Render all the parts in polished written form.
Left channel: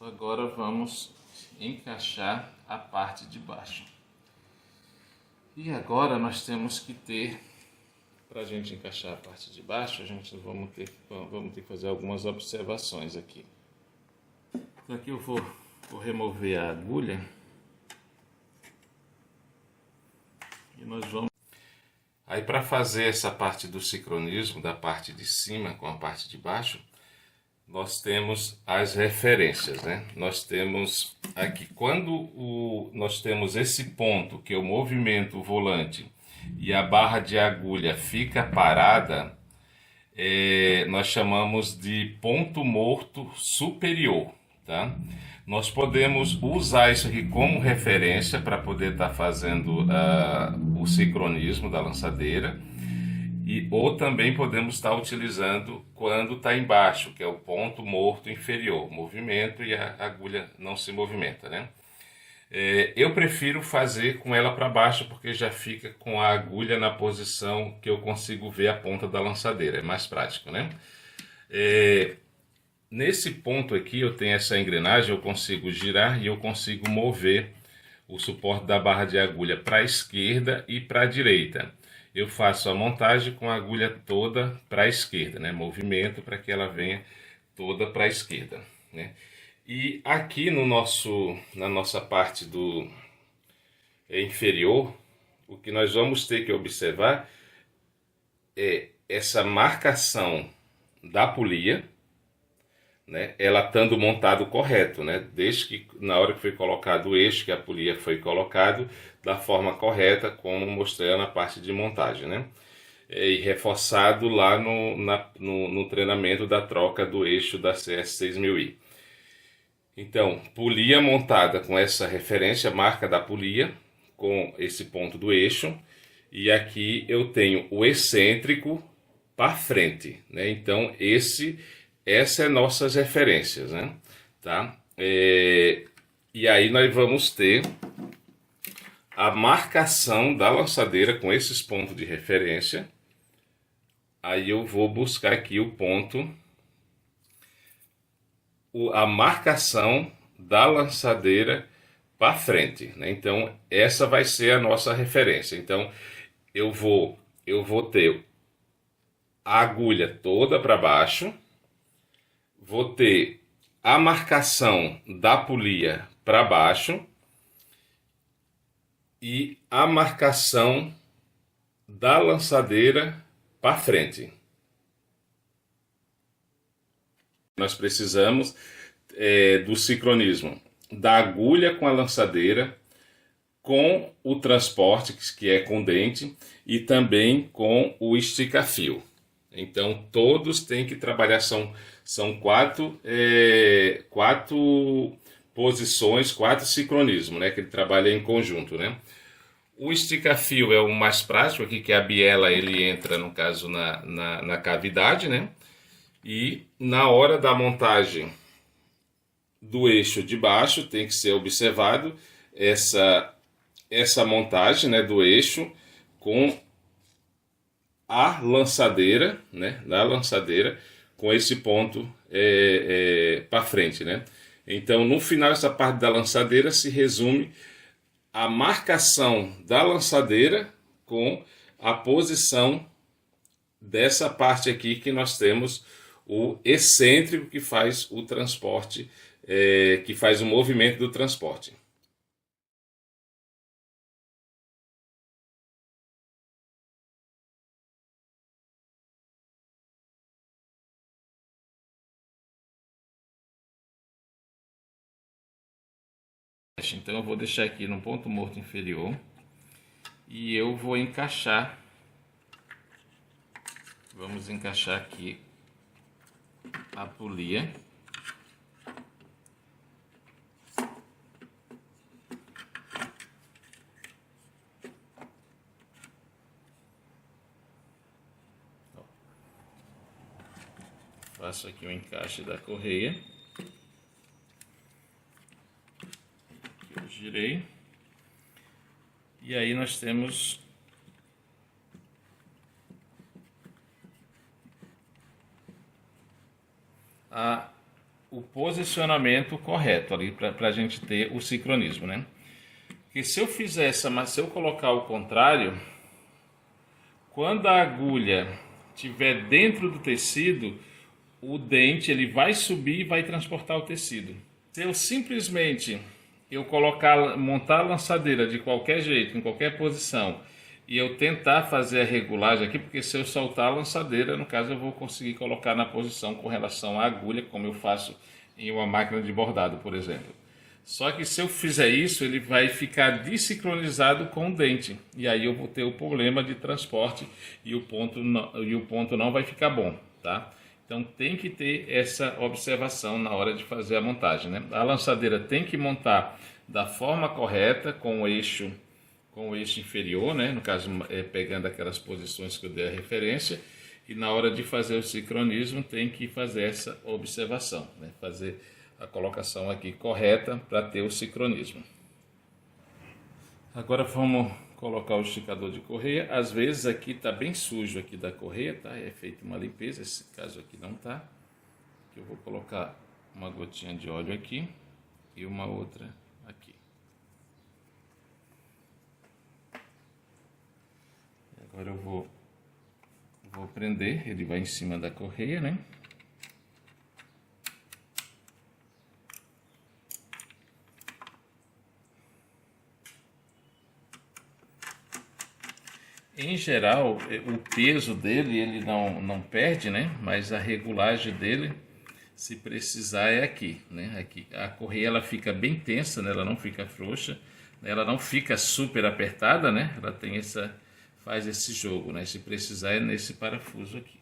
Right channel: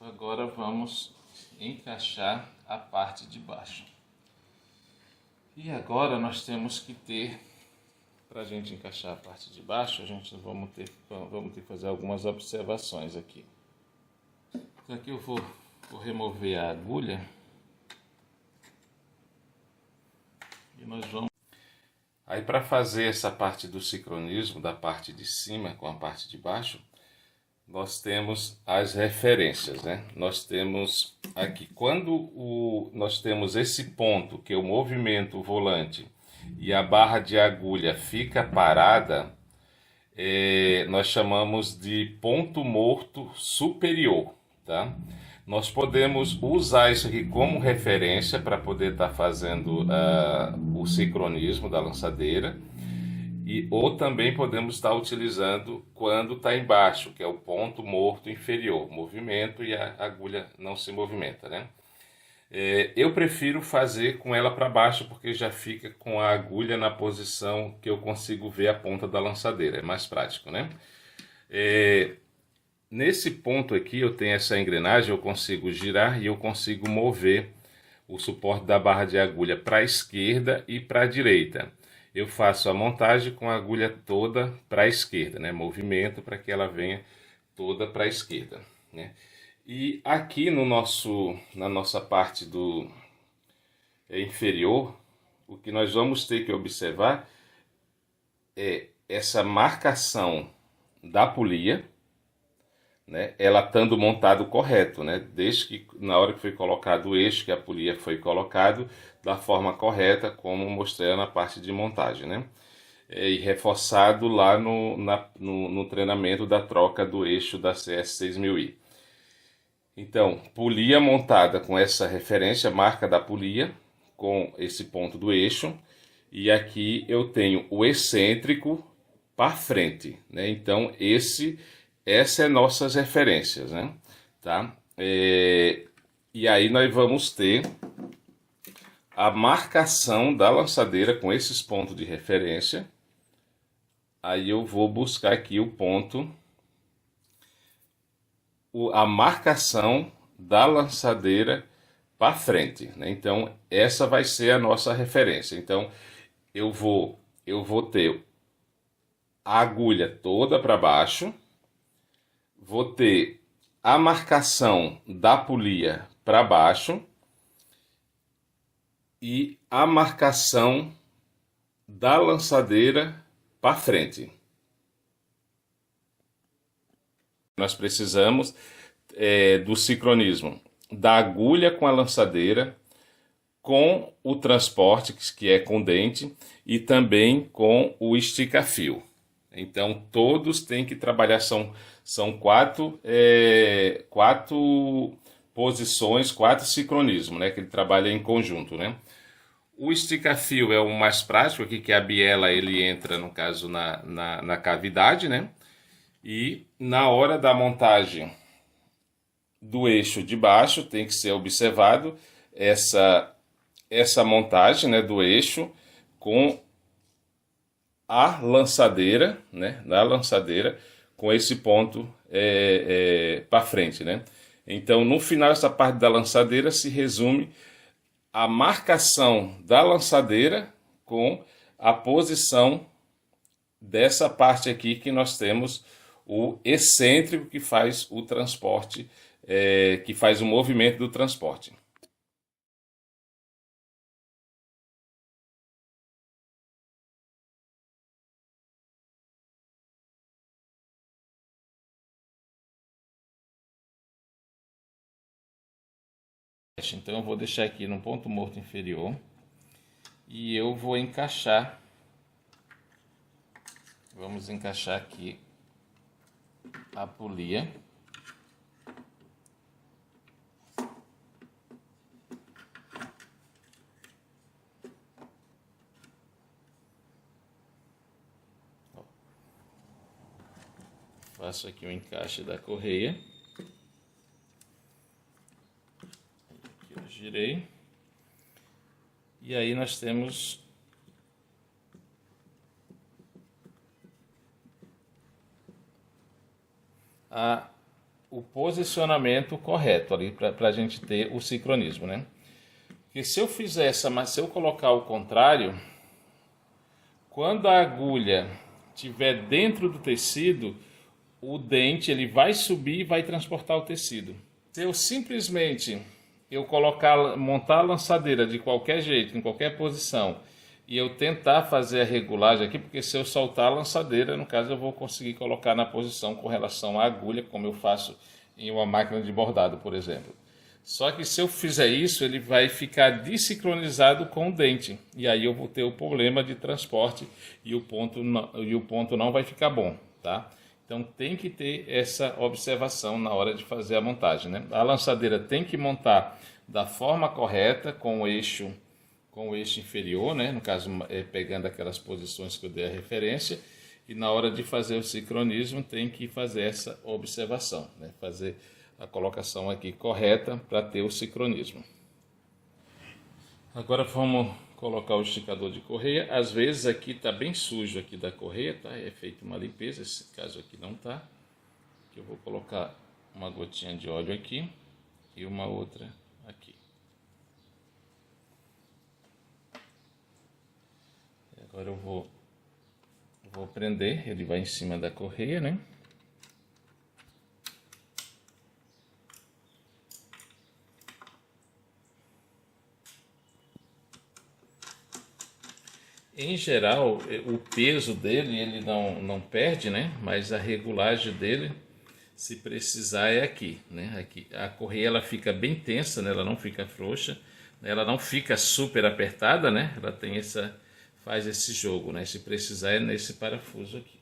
Agora vamos encaixar a parte de baixo. E agora nós temos que ter, para a gente encaixar a parte de baixo, vamos ter que fazer algumas observações aqui. Então aqui eu vou remover a agulha e nós vamos... Aí, para fazer essa parte do sincronismo da parte de cima com a parte de baixo, nós temos as referências, né? Nós temos aqui, quando nós temos esse ponto, que é o movimento volante, e a barra de agulha fica parada, nós chamamos de ponto morto superior, tá? Nós podemos usar isso aqui como referência para poder estar fazendo o sincronismo da lançadeira, ou também podemos estar utilizando quando está embaixo, que é o ponto morto inferior, movimento e a agulha não se movimenta, né? Eu prefiro fazer com ela para baixo, porque já fica com a agulha na posição que eu consigo ver a ponta da lançadeira, é mais prático, né? Nesse ponto aqui eu tenho essa engrenagem, eu consigo girar e eu consigo mover o suporte da barra de agulha para a esquerda e para a direita. Eu faço a montagem com a agulha toda para a esquerda, né? Movimento para que ela venha toda para a esquerda, né? E aqui na nossa parte do inferior, o que nós vamos ter que observar é essa marcação da polia, né? Ela estando montado correto, né? Desde que na hora que foi colocado o eixo, que a polia foi colocado da forma correta, como mostrei na parte de montagem, né? E reforçado lá no treinamento da troca do eixo da CS6000i. Então, polia montada com essa referência, marca da polia, com esse ponto do eixo, e aqui eu tenho o excêntrico para frente, né? Então, essa é nossas referências, né? Tá? E aí nós vamos ter a marcação da lançadeira com esses pontos de referência. Aí eu vou buscar aqui o ponto, a marcação da lançadeira para frente, né? Então essa vai ser a nossa referência. Então eu vou ter a agulha toda para baixo, vou ter a marcação da polia para baixo e a marcação da lançadeira para frente. Nós precisamos do sincronismo da agulha com a lançadeira, com o transporte, que é com dente, e também com o estica-fio. Então todos têm que trabalhar, são quatro posições, 4 sincronismos, né, que ele trabalha em conjunto, né? O estica-fio é o mais prático aqui, que a biela ele entra, no caso, na cavidade, né? E na hora da montagem do eixo de baixo tem que ser observado essa montagem, né, do eixo com a lançadeira, né, na lançadeira com esse ponto para frente, né? Então no final essa parte da lançadeira se resume a marcação da lançadeira com a posição dessa parte aqui que nós temos o excêntrico que faz o transporte, que faz o movimento do transporte. Então eu vou deixar aqui no ponto morto inferior e eu vou encaixar. Vamos encaixar aqui a polia. Faço aqui o encaixe da correia. Aqui eu girei. E aí nós temos o posicionamento correto ali para a gente ter o sincronismo, né? Porque se eu fizer essa, mas se eu colocar o contrário, quando a agulha estiver dentro do tecido, o dente ele vai subir e vai transportar o tecido. Se eu simplesmente montar a lançadeira de qualquer jeito, em qualquer posição, e eu tentar fazer a regulagem aqui, porque se eu soltar a lançadeira, no caso eu vou conseguir colocar na posição com relação à agulha, como eu faço em uma máquina de bordado, por exemplo. Só que se eu fizer isso, ele vai ficar desincronizado com o dente. E aí eu vou ter o problema de transporte e o ponto não vai ficar bom, tá? Então tem que ter essa observação na hora de fazer a montagem, né? A lançadeira tem que montar da forma correta, com o eixo inferior, né? No caso, pegando aquelas posições que eu dei a referência. E na hora de fazer o sincronismo, tem que fazer essa observação, né? Fazer a colocação aqui correta para ter o sincronismo. Agora vamos colocar o esticador de correia. Às vezes aqui está bem sujo aqui da correia, tá? É feita uma limpeza, esse caso aqui não tá. Eu vou colocar uma gotinha de óleo aqui e uma outra aqui. Agora eu vou prender, ele vai em cima da correia, né? Em geral, o peso dele ele não perde, né? Mas a regulagem dele, se precisar, é aqui, né? Aqui a correia ela fica bem tensa, né? Ela não fica frouxa, ela não fica super apertada, né? Ela tem faz esse jogo, né? Se precisar é nesse parafuso aqui.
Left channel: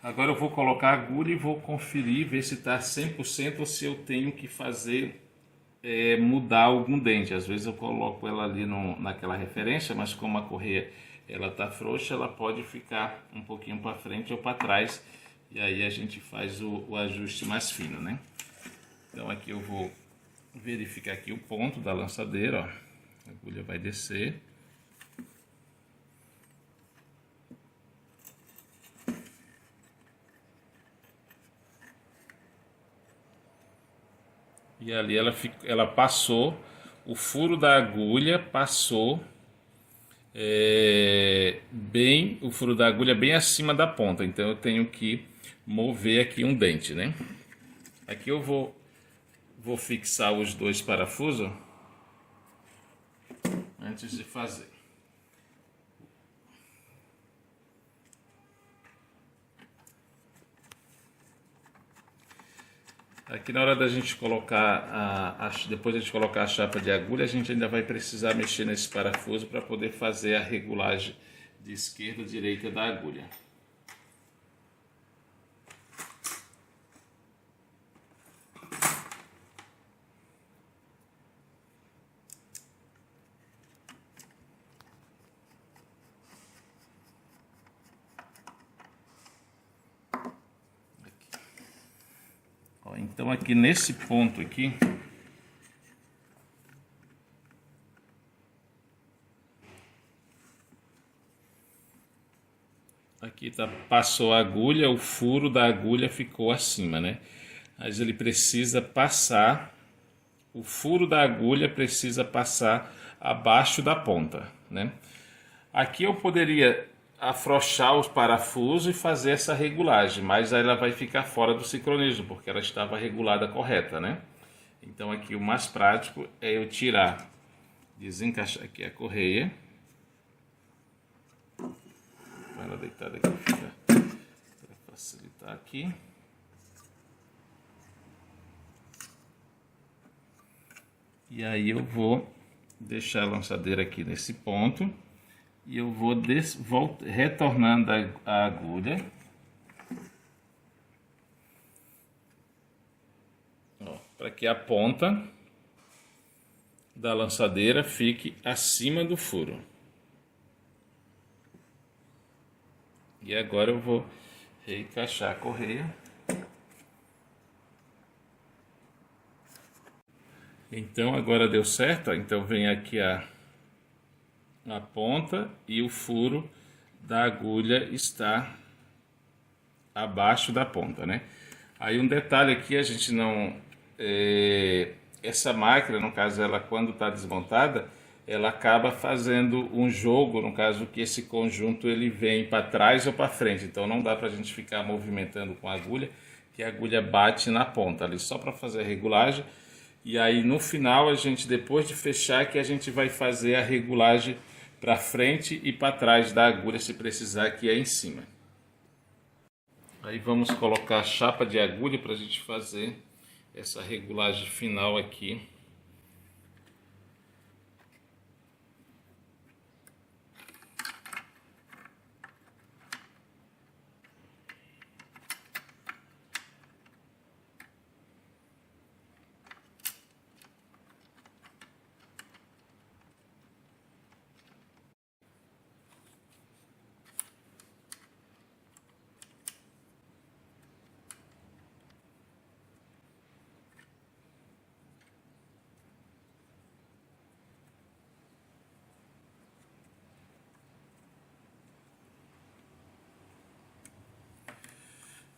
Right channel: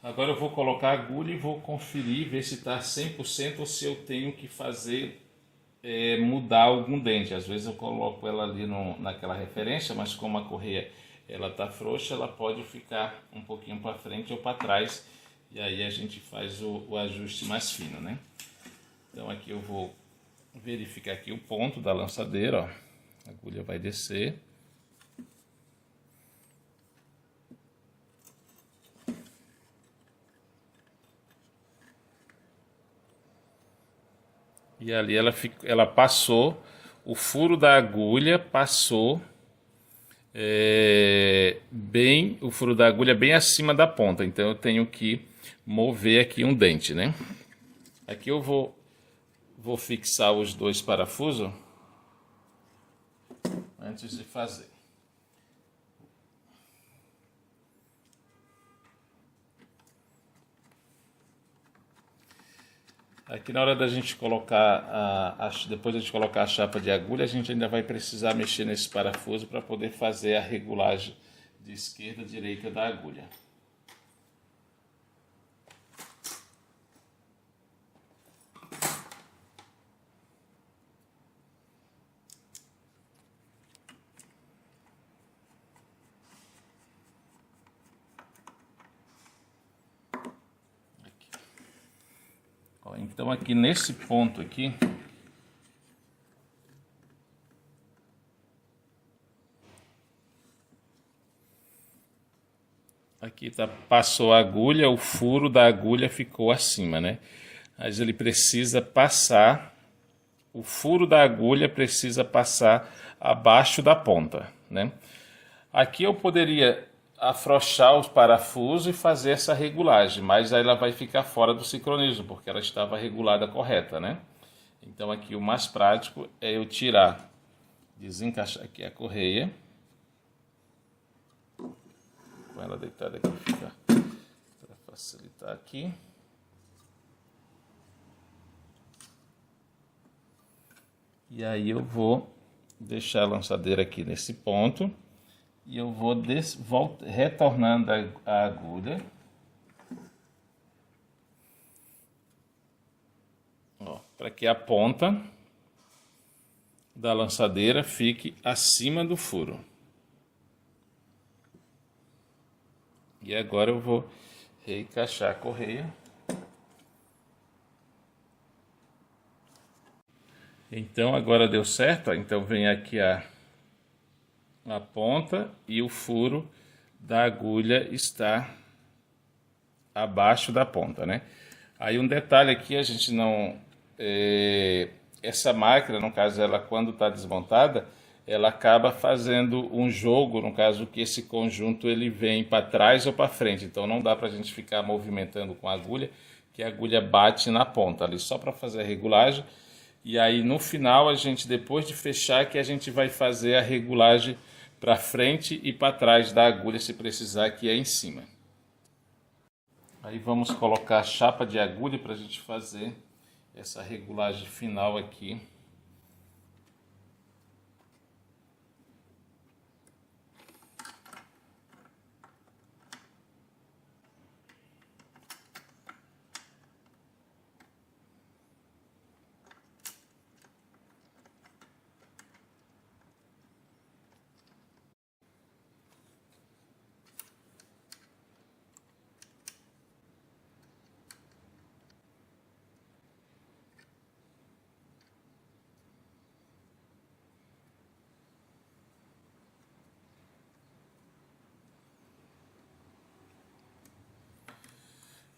Agora eu vou colocar a agulha e vou conferir, ver se está 100% ou se eu tenho que fazer mudar algum dente. Às vezes eu coloco ela ali naquela referência, mas como a correia ela tá frouxa, ela pode ficar um pouquinho para frente ou para trás, e aí a gente faz o ajuste mais fino, né? Então aqui eu vou verificar aqui o ponto da lançadeira, ó. A agulha vai descer. E ali ela passou, o furo da agulha passou o furo da agulha bem acima da ponta. Então eu tenho que mover aqui um dente, né? Aqui eu vou fixar os dois parafusos antes de fazer. Aqui na hora da gente colocar, depois de a gente colocar a chapa de agulha, a gente ainda vai precisar mexer nesse parafuso para poder fazer a regulagem de esquerda e direita da agulha. Então aqui nesse ponto aqui, passou a agulha, o furo da agulha ficou acima, né? Mas ele precisa passar, o furo da agulha precisa passar abaixo da ponta, né? Aqui eu poderia afrouxar os parafusos e fazer essa regulagem, mas aí ela vai ficar fora do sincronismo, porque ela estava regulada correta, né? Então aqui o mais prático é eu tirar, desencaixar aqui a correia, com ela deitada aqui, fica para facilitar aqui. E aí eu vou deixar a lançadeira aqui nesse ponto. E eu vou retornando a agulha. Para que a ponta da lançadeira fique acima do furo. E agora eu vou reencaixar a correia. Então agora deu certo, ó. Então vem aqui a ponta e o furo da agulha está abaixo da ponta, né? Aí um detalhe aqui, a gente não... essa máquina, no caso, ela quando está desmontada, ela acaba fazendo um jogo, no caso que esse conjunto ele vem para trás ou para frente, então não dá para a gente ficar movimentando com a agulha, que a agulha bate na ponta ali, só para fazer a regulagem. E aí no final a gente, depois de fechar, que a gente vai fazer a regulagem para frente e para trás da agulha, se precisar, aqui é em cima. Aí vamos colocar a chapa de agulha para a gente fazer essa regulagem final aqui.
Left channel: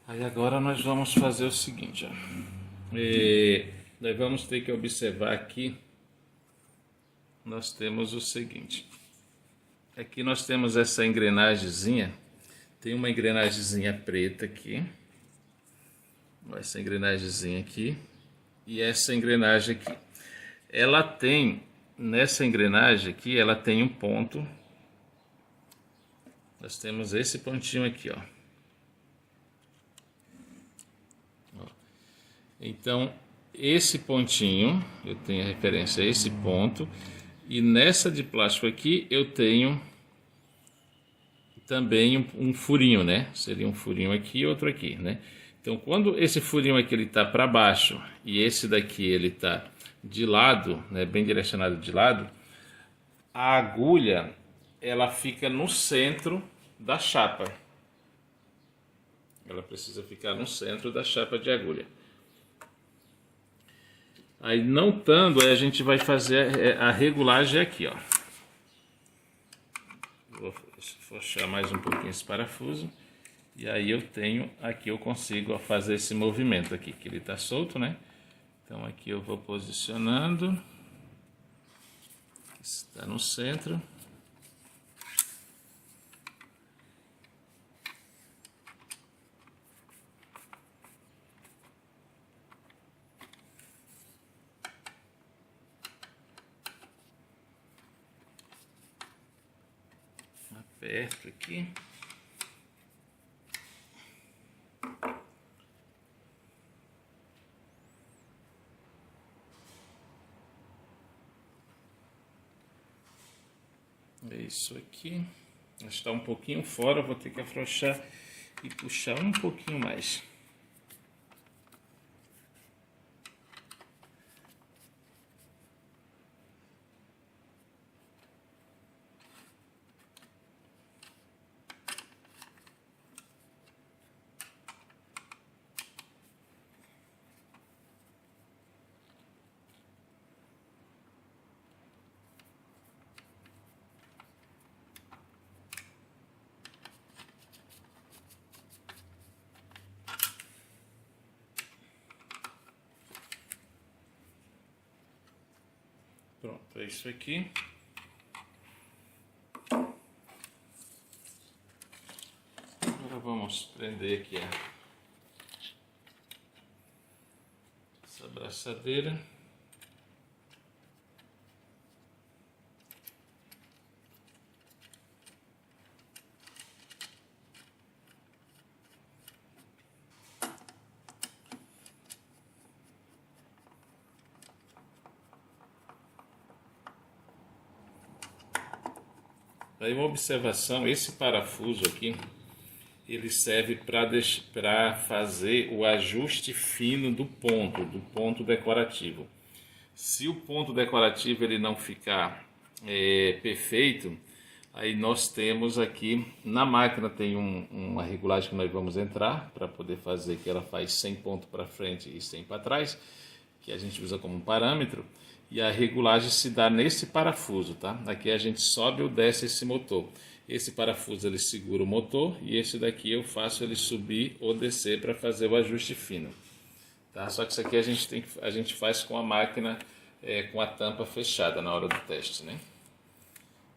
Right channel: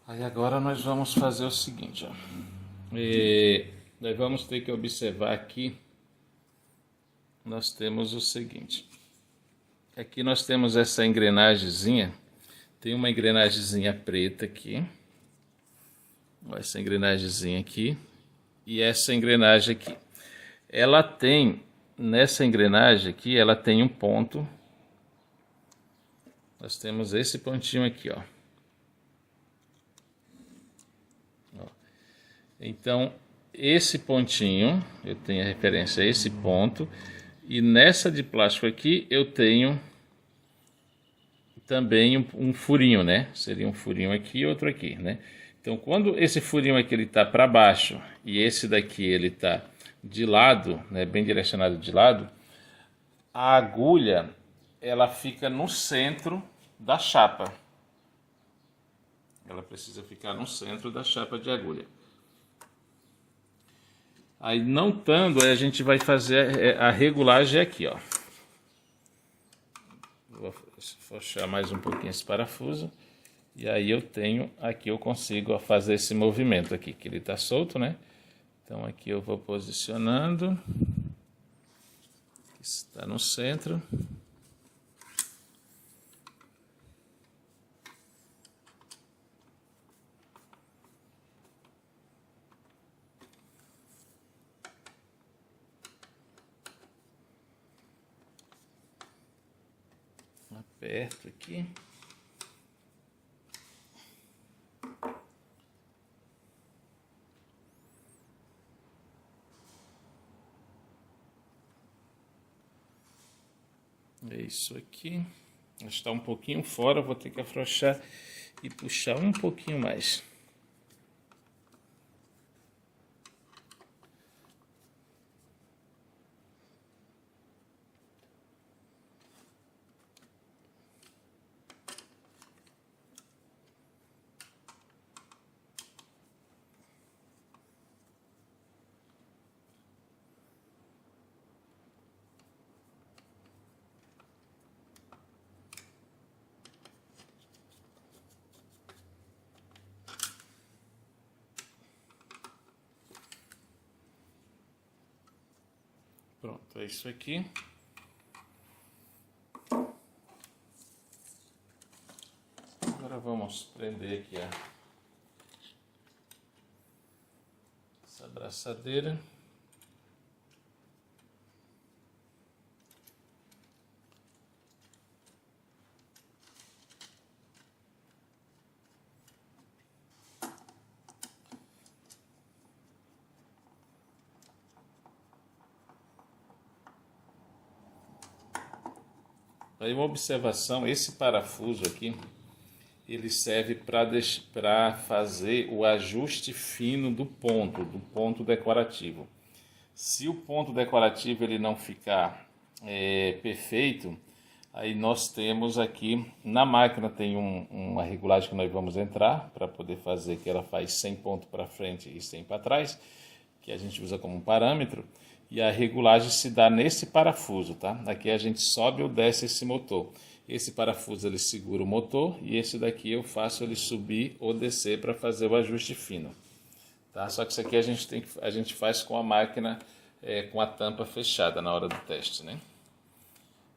Aí agora nós vamos fazer o seguinte, ó. Nós vamos ter que observar aqui, nós temos o seguinte. Aqui nós temos essa engrenagemzinha, tem uma engrenagemzinha preta aqui, essa engrenagemzinha aqui e essa engrenagem aqui. Ela tem, nessa engrenagem aqui, ela tem um ponto, nós temos esse pontinho aqui, ó. Então, esse pontinho, eu tenho a referência a esse ponto, e nessa de plástico aqui eu tenho também um furinho, né? Seria um furinho aqui e outro aqui, né? Então, quando esse furinho aqui ele tá para baixo e esse daqui ele tá de lado, né, bem direcionado de lado, a agulha ela fica no centro da chapa. Ela precisa ficar no centro da chapa de agulha. Aí não estando, aí a gente vai fazer a regulagem aqui, ó. Vou fechar mais um pouquinho esse parafuso. E aí eu tenho, aqui eu consigo fazer esse movimento aqui, que ele está solto, né? Então aqui eu vou posicionando. Está no centro. Aperto aqui. É isso aqui. Está um pouquinho fora, vou ter que afrouxar e puxar um pouquinho mais. Pronto, é isso aqui. Agora vamos prender aqui essa braçadeira. Aí uma observação, esse parafuso aqui, ele serve para fazer o ajuste fino do ponto decorativo. Se o ponto decorativo ele não ficar perfeito, Aí nós temos aqui, na máquina tem uma regulagem que nós vamos entrar para poder fazer que ela faz 100 pontos para frente e 100 para trás, que a gente usa como um parâmetro, e a regulagem se dá nesse parafuso, tá? Aqui a gente sobe ou desce esse motor. Esse parafuso ele segura o motor e esse daqui eu faço ele subir ou descer para fazer o ajuste fino, tá? Só que isso aqui a gente faz com a máquina com a tampa fechada na hora do teste, né?